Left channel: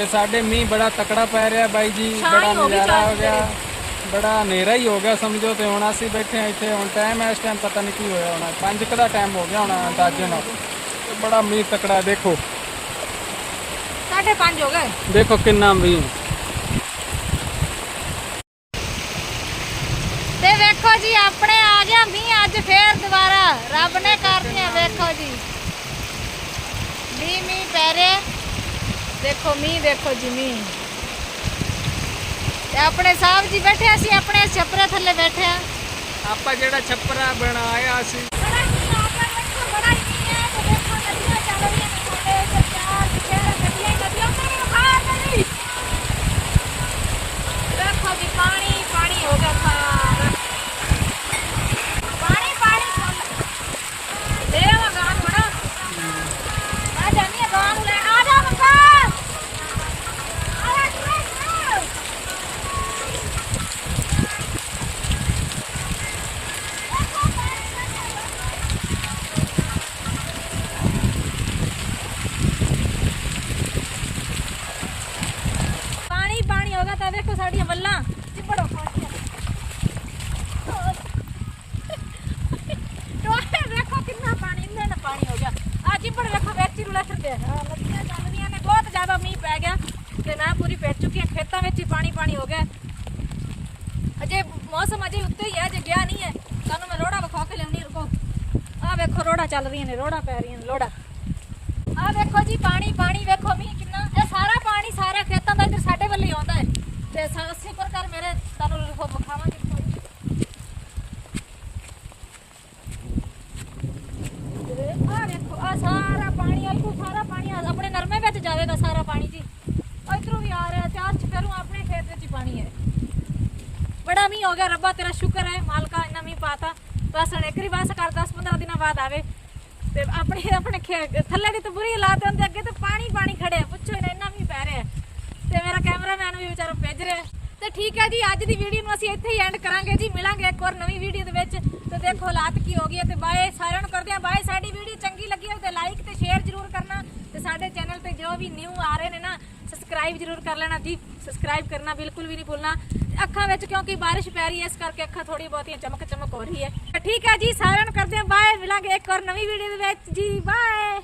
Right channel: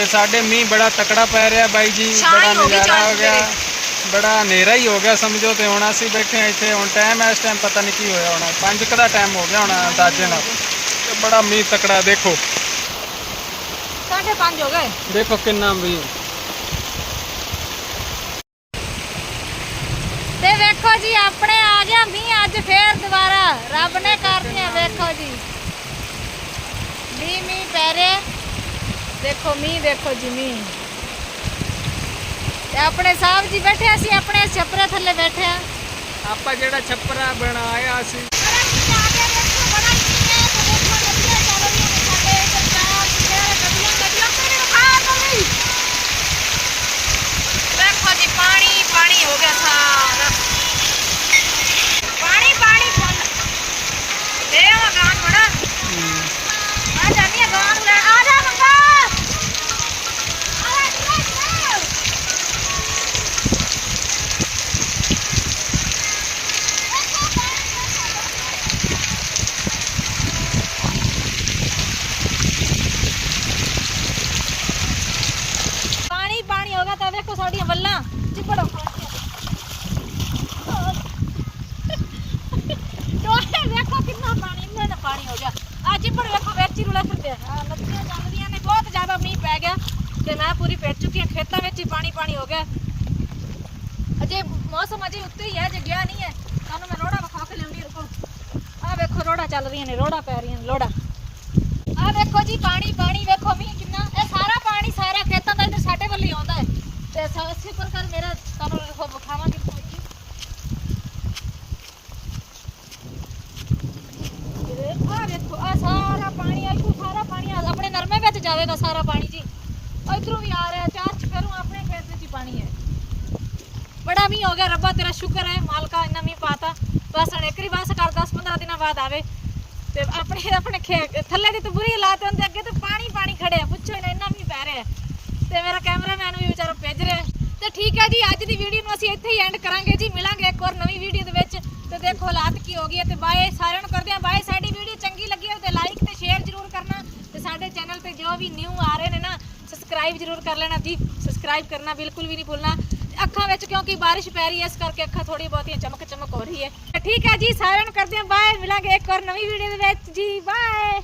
ਤੇ ਸਾਡੇ ਮੀਂਹ ਬੜਾ ਤਕੜਾ ਪੈ ਰਿਹਾ ਬਾਈ ਜੀ ਬੜਾ ਨਜ਼ਾਰਾ ਹੋ ਗਿਆ। ਬੜਾ ਹਨੇਰਾ ਹੀ ਹੋ ਗਿਆ ਸਮਝੋ ਤੇ ਹੁਣ ਅਸੀਂ ਬੈਠੇ ਹਾਂ ਇੱਥੇ ਹੁਣ ਟਾਈਮ ਇਸ ਟਾਈਮ ਪਤਾ ਨਹੀਂ ਕੀ ਹੋਇਆ ਹੋਣਾ। ਪੰਜ ਕੁ ਦਾ ਟਾਈਮ ਹੋ ਗਿਆ ਹੋਣਾ ਅੰਦਾਜ਼ੇ ਨਾਲ। ਤੇ ਬੜਾ ਮੀਂਹ ਤਕੜਾ ਦੇਖੋ। ਸਾਢੇ ਪੰਜ ਹੋ ਗਏ। ਦੇਖੋ ਕਿੰਨਾ ਮੀਂਹ। ਤੇ ਵੇਖੋ ਜੀ ਆਪਣੇ ਆ ਗਿਆ ਮੀਂਹ ਅੱਜ ਫੇਰ ਦੁਬਾਰਾ। ਰੱਬ ਨੇ ਕਰਤੀਆਂ ਵੇਖੋ ਜੀ। ਮੀਂਹ ਮੀਂਹ ਪੈ ਰਿਹਾ। ਦੇਖੋ ਮੀਂਹ, ਦੇਖੋ ਜੀ ਮੀਂਹ। ਤੇ ਆਪਣੇ ਸਾਹਿਬ ਜੀ ਬੈਠੇ ਸੀ ਆਪਣੇ ਛੱਪਰੇ ਥੱਲੇ ਬੈਠੇ ਆ। ਆਪਾਂ ਜਿਹੜਾ ਛੱਪਰਾ ਬਣਾਇਆ ਸੀ। ਪਾਣੀ ਪਾਣੀ ਹੋ ਗਿਆ ਤਾਂ ਵੇਖੋ ਸਾਡੀਆਂ ਵੱਲਾਂ ਚਿੱਬੜੋ ਟੋਏ ਵੇਖੋ ਕਿੰਨਾ ਪਾਣੀ ਇੰਨਾ ਨਾ ਪਾਣੀ ਹੋ ਗਿਆ ਆ ਚਿੱਬੜ ਵੇਖੋ ਵਿੱਚ ਹੀ ਰੁਲੇ ਫਿਰਦੇ ਆ ਨਦੀਆਂ ਚੱਲਦੀਆਂ ਨੇ ਬਹੁਤ ਜ਼ਿਆਦਾ ਮੀਂਹ ਪੈ ਗਿਆ ਤੇ ਮੈਂ ਪੂਰੀ ਭਿੱਜ ਚੁੱਕੀ ਹਾਂ ਖੇਤਾਂ ਵਿੱਚ ਹੀ ਪਾਣੀ ਪਾਣੀ ਹੋ ਗਿਆ ਅਜੇ ਮੌਸਮ ਅਜੇ ਉੱਤੇ ਹੀ ਹੈ ਜੇ ਗਿਆ ਨਹੀਂ ਹੈ ਤੁਹਾਨੂੰ ਮੈਂ ਰੋੜਾ ਵਿਖਾ ਕੇ ਲਿਆਉਣੀ ਰੁਕੋ ਆ ਵੇਖੋ ਰੋੜਾ ਚੱਲ ਰਹੀਆਂ ਨੇ ਰੋੜਾ ਪੈ ਰਹੀਆਂ ਨੇ ਲੋੜਾ ਆ ਵੇਖੋ ਜੀ ਪਾਣੀ ਪਾਣੀ किसी प्रकार मेरे खावा तो, अपने बड़ा मी हो गया तेरा है, मालका मी पाता। बस दस पंद्रह दिन बाद आवे। अपने अपने थले तो बुरी लाते अगे तो पानी पानी खड़े ਠੀਕ ਹੈ ਜੀ, ਅੱਜ ਦੀ ਵੀਡੀਓ ਨੂੰ ਅਸੀਂ ਇੱਥੇ ਹੀ ਐਂਡ ਕਰਾਂਗੇ ਜੀ। ਮਿਲਾਂਗੇ ਇੱਕ ਹੋਰ ਨਵੀਂ ਵੀਡੀਓ ਦੇ ਵਿੱਚ ਤੇ ਦੇਖੋ ਹਾਲਾਤ ਕੀ ਹੋ ਗਏ ਤੇ ਬਾਏ ਸਾਰਿਆਂ ਨੂੰ ਕਰਦੇ ਆ ਬਾਏ, ਸਾਡੀ ਵੀਡੀਓ ਚੰਗੀ ਲੱਗੀ ਹੋਵੇ ਤੇ ਲਾਈਕ ਤੇ ਸ਼ੇਅਰ ਜ਼ਰੂਰ ਕਰਨਾ ਤੇ ਸਾਡੇ ਚੈਨਲ ਤੇ ਜੋ ਵੀ ਨਿਊ ਆ ਰਹੇ ਨੇ ਨਾ ਸਬਸਕ੍ਰਾਈਬ ਜ਼ਰੂਰ ਕਰ ਲੈਣਾ ਜੀ ਸਬਸਕ੍ਰਾਈਬ ਕਰਨਾ ਬਿਲਕੁਲ ਵੀ ਨਹੀਂ ਭੁੱਲਣਾ। ਅੱਖਾਂ ਵਿੱਚ ਕਿਉਂਕਿ ਬਾਰਿਸ਼ ਪੈ ਰਹੀ ਹੈ, ਇਸ ਕਰਕੇ ਅੱਖਾਂ ਥੋੜੀ ਬਹੁਤੀਆਂ ਚਮਕ ਚਮਕ ਹੋ ਰਹੀ ਹੈ। ਠੀਕ ਹੈ ਜੀ, ਸਾਰਿਆਂ ਨੂੰ ਕਰਦੇ ਆ ਬਾਏ, ਮਿਲਾਂਗੇ ਇੱਕ ਹੋਰ ਨਵੀਂ ਵੀਡੀਓ ਦੇ ਵਿੱਚ। ਜੀ, ਬਾਏ।